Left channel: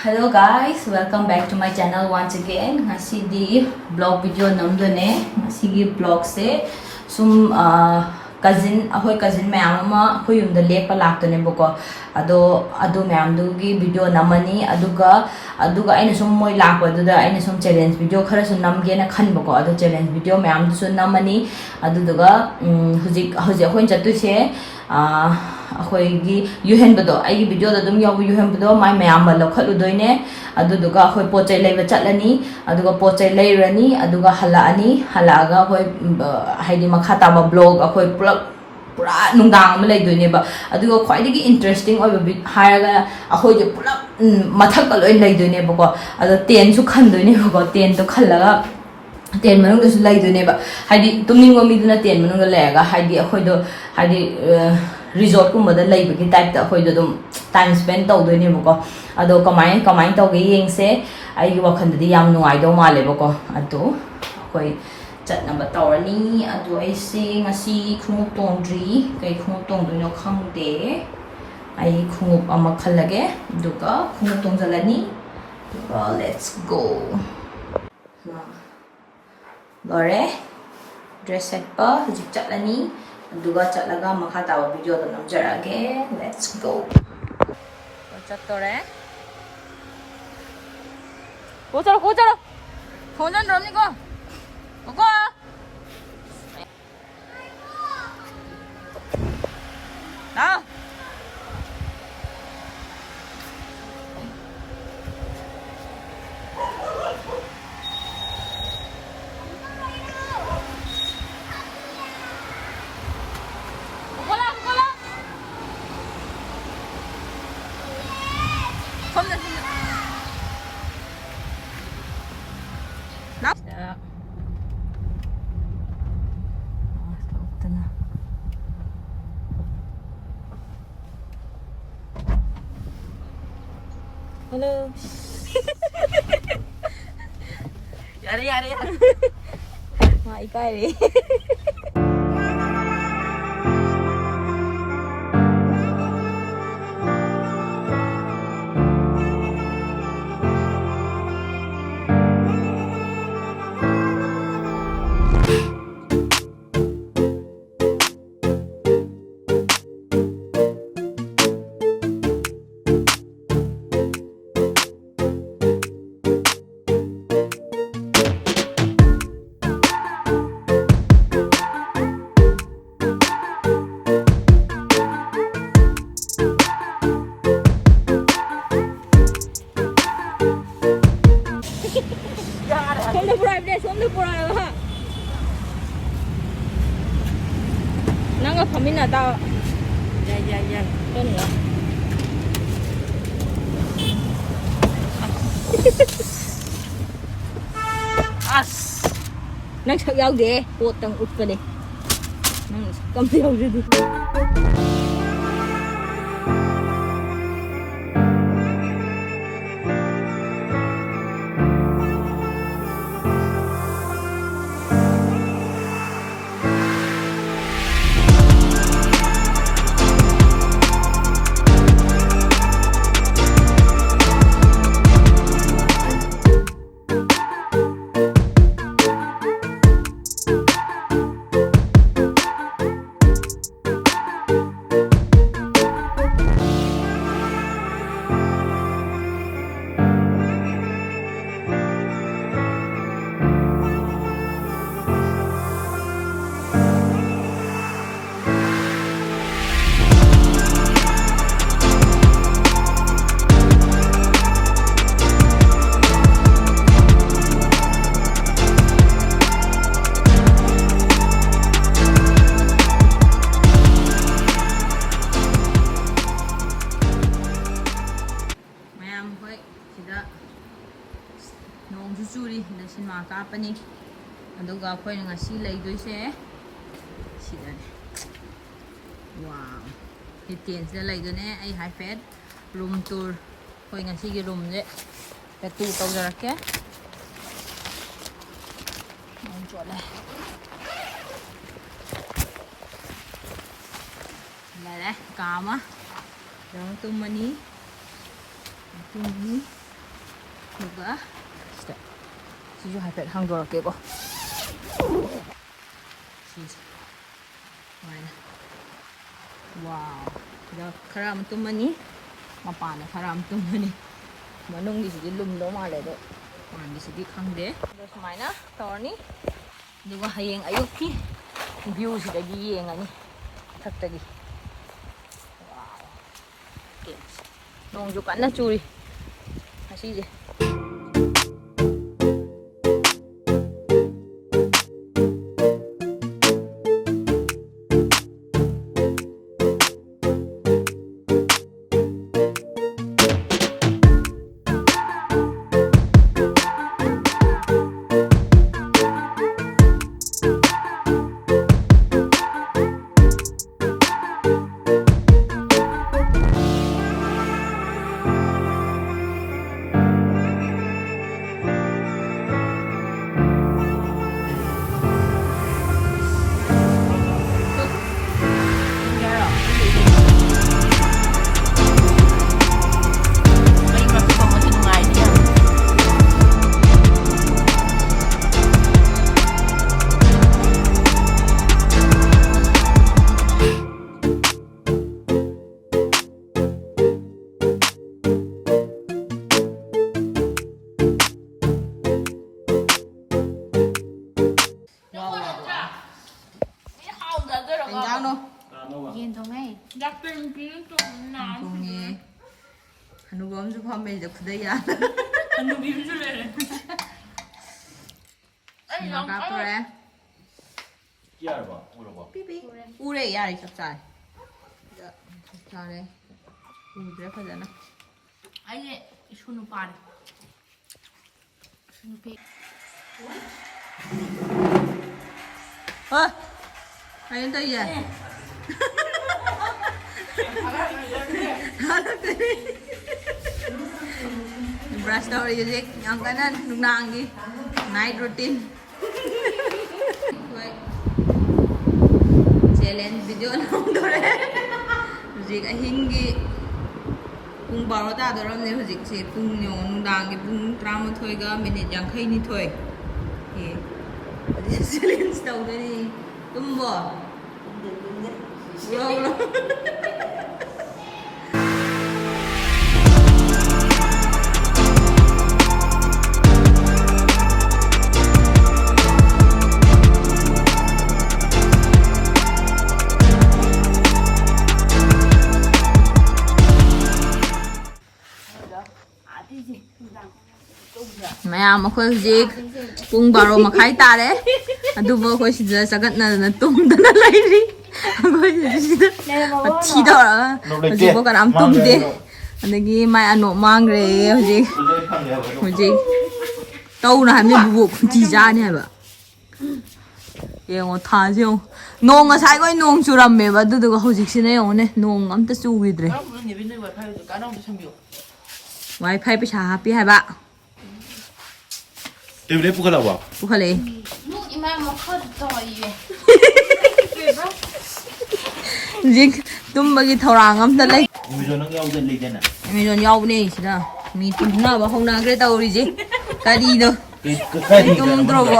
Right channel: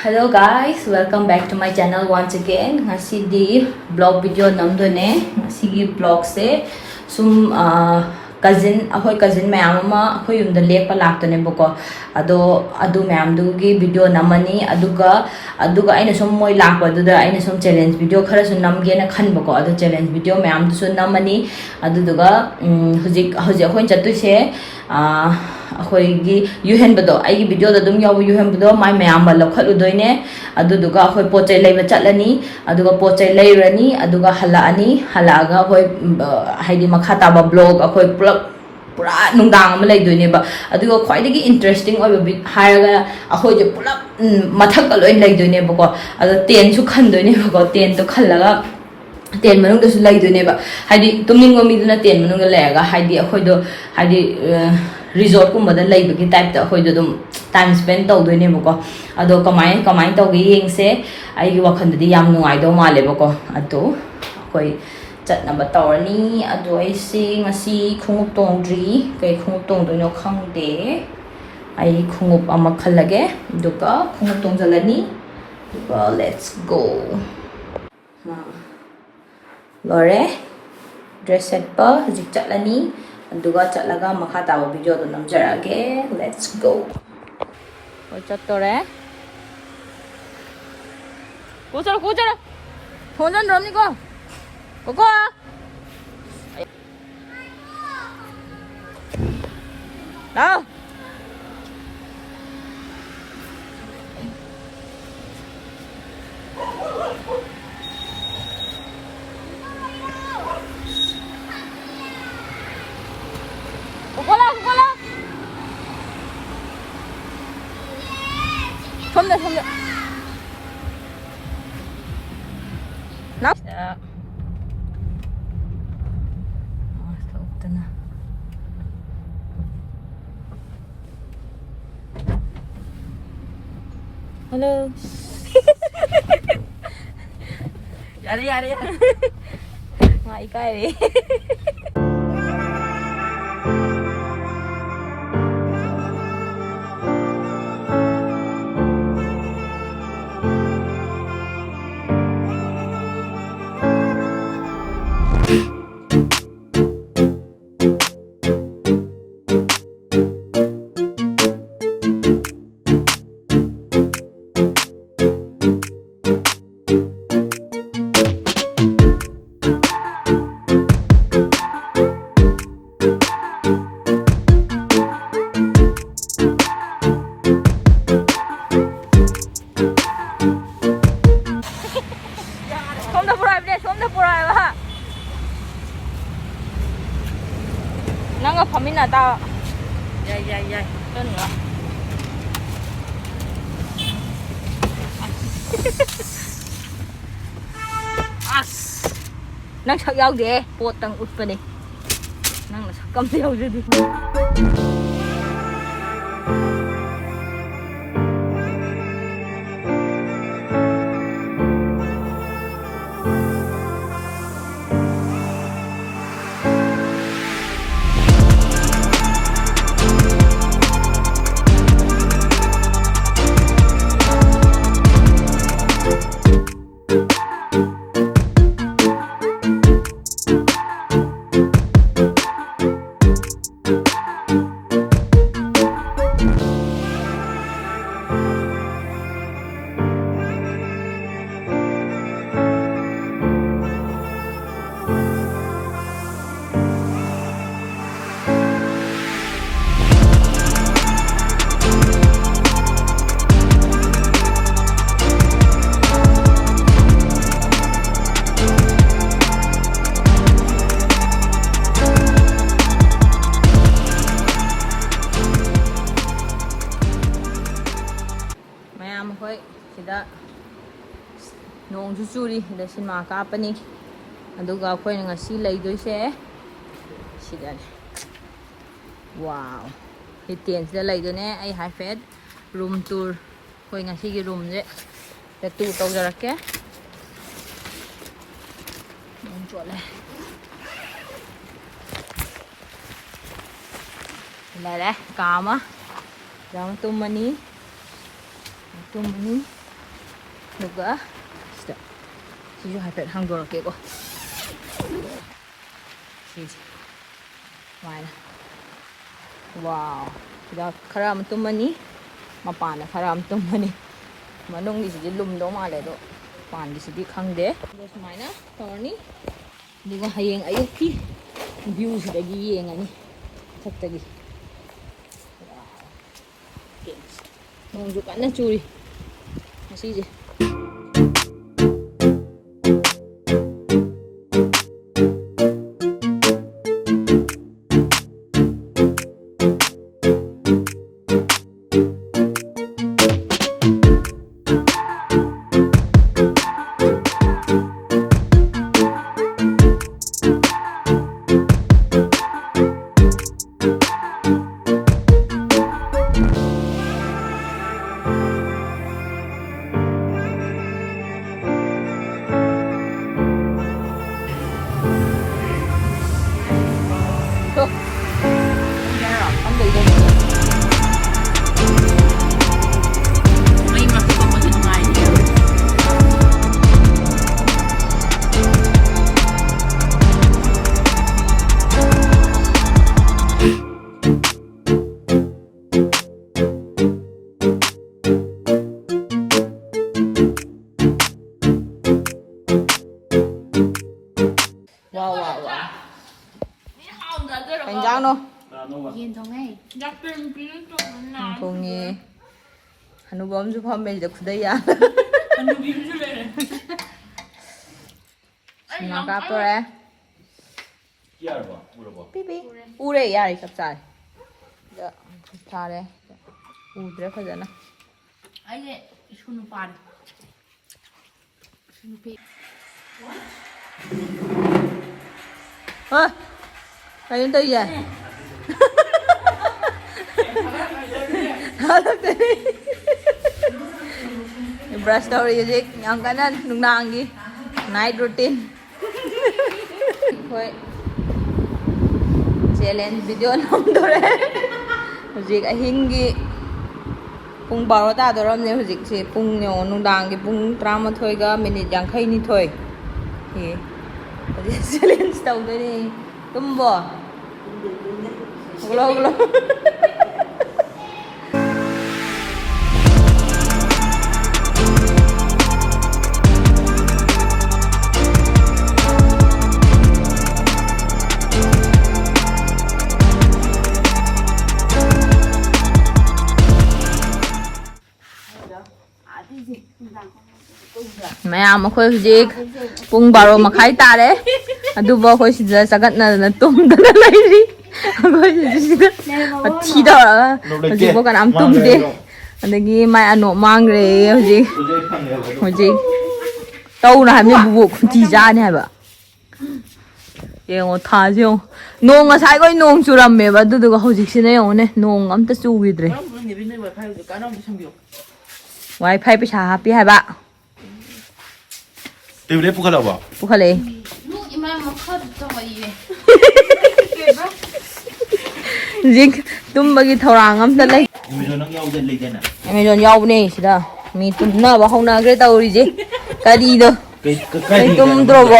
Hello guys, welcome back to my channel once again. Ngasi di vlog video namdune. Ngasi gi vlog se sum cousin mayam ama akoi yumda lekpa laktane boko. Ado mayam du gi video namani aduga aina sum moi lakpa duda aina sum challenge video khara su namge na khan boko. Ado challenge video mayam du su namani aduga hujik akoi chatu se अखोई युहेन बदो आई video दा दुम याव युहेन बदो my मयाम मा लखलु दोइने अदुदुगा अखोई पोचै लैबा चटलनी अदुगा पोचै लैरनी अदुगा हलानी हलागा अखोई हाइदि मखा ताबा blog अखोई पुरा नुंगांग अमा लैदोइनेबा अदुगा ख्वाइदगी इंटरेस्टिंग ओइबा हायगा अखोई जे पुला मथक लोइ लैदोइनेबको अदो टेन सु खनदोइनेबको टेन तो खल्लगा टेन मनुंग दसु लैदोइनेबा हाइदि तुमनिंगो मिदुना टेन मनुंग लैगा हाइदि अखोइदो हाइदि resort कुम्बदा लैबगी टाइप ता अखोइदो दुम टाइम स्पेंड तौदोइनेबको अदो कमाइन तौगे येंगसे आइगी वखंददि याम नुंगाइदो मालेबको अदो अखोइ चटनबा तौरनी अदो आइसे ngasi khungup tongdri kai khungup tongdoino khangde ai khungup ama khallage duka khungup tongjalani duka let's go lore dress set pa hujik chatlani aduga chatlaga makha tawa video do namjarage let's go ko chattore ko chara thonjan ramni ko na Somne na hello yare ngai kare somda purai ba nanga phamina ta yai tun as nang sak yaw de pot tang ut pa ni nang sak kam yaw du nong su churi da cinema ka pani aduga khoi ngasi leidoi se sidane wow hiten se leidone ai hai fet room tour khoi ngasi gi room je ta tu tau jarake nong chole la kama jam tumani 누가 진짜 시주 할 때 한국어 깨고 시지 와나 와우 야 카람 tumani mapana karam tumani manung isi lum do male de pan di sidi khangde do sumaina tawni duga hayeng ayuki view sidagi yengani thakdagi wow okay nong ju kanna churi asije 간장 동이 한우 범주 판매이다 구대야 한우 비빔줄래 나가 그래 삐삐 우레 야이 capsai 야 잘해 우드래 가잖아 아니 슈누 빠리 슈누 피 Ayun tayo yan. Brush daw music. Ang kanan, nung naanggi. Night routine. Hoy. Challenge video naman doon rin. Music ay hingi. Kung baro ta doon rin music si kung nung naanggi kung drama thoy ga minute yang kay ni thoy. Challenge daw doon eh. Tumbo. Ulo. Maya makhoi hujik pung baro makhai tare aduba khoi sida sagatna na tumdana lairi khoi sida thida hujik bo kanam tumde adagi mai ano mangre hujik tawna hamni bubu khunti ja ne haba yengo thajyo nong asai goi nong churamme ba duduga hujik sine yone nong amta chugidre wifi pesa happy haba Tebule pukala ba? Pukale. Jik tumbagi thorang am ta lai. Amazon nang yaw den legen na. Amazon yaw ne sida. Mi tunna ba hona gre tawri je. Kadi do. Kai tum dro bo.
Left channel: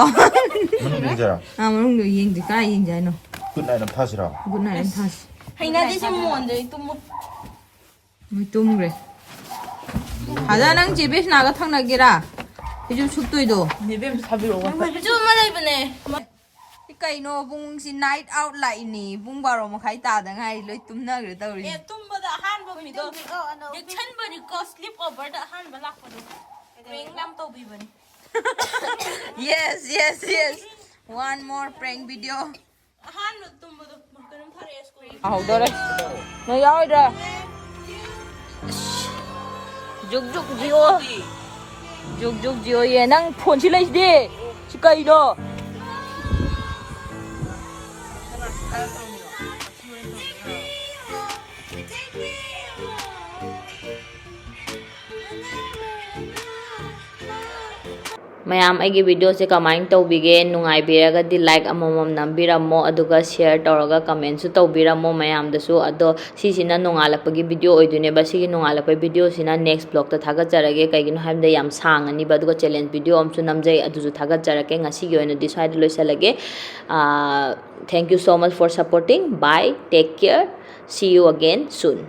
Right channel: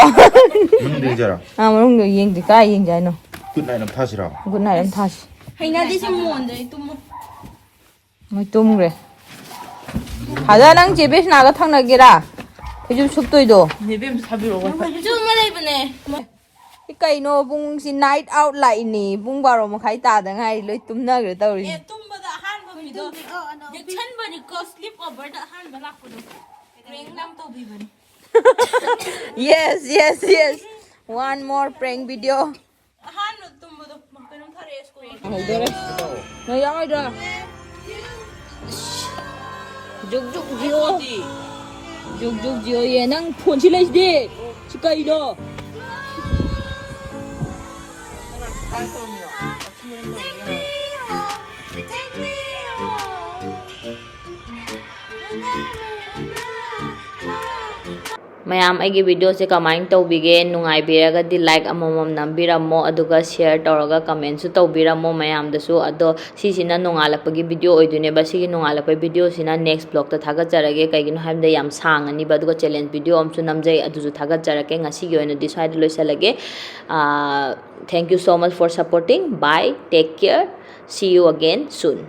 Manung de jara. Manung do yeng di kai yeng jai no. Good night nam thasira. Good night am thas. Haina di sim mon de tum. Moi tum gre. Haja nang jebe na ga thang na gera. 요즘 속도이도 네뱀 사비로 가. 좀 뭐라 이번에. 이까이노 붕시 나이트 아웃 라이니 붕바로 뭐 가이 따다 가이 로이 tum나 그래 떠오르지. 예, tum보다 한 번이도. 이제 천번이 거 슬립 오버다 한 번 났거든. 랭남 또 비번이. Yes. One more prank video. 한 tum보도 막 그런 털에 스코이. 아, 오더래. 너 야오이라. 죽죽 지오. 죽죽 지오 얘랑 폰실레이지. 치카이도. mayam aigi video se kamain tawbige nungaibiraga di like amomom nambiramo aduga share tawraga comment su tawbiramo mayam dasu ado sisina nungalapagi video oidune ba sigi nungalapagi video sina next vlog ta thagajarage kaigino habda yam sangani ba aduga challenge video amsu namjai aduju thagajarake ngasi gi oina di side loisalage thank you so much for supporting. Bye, take care, see you again soon.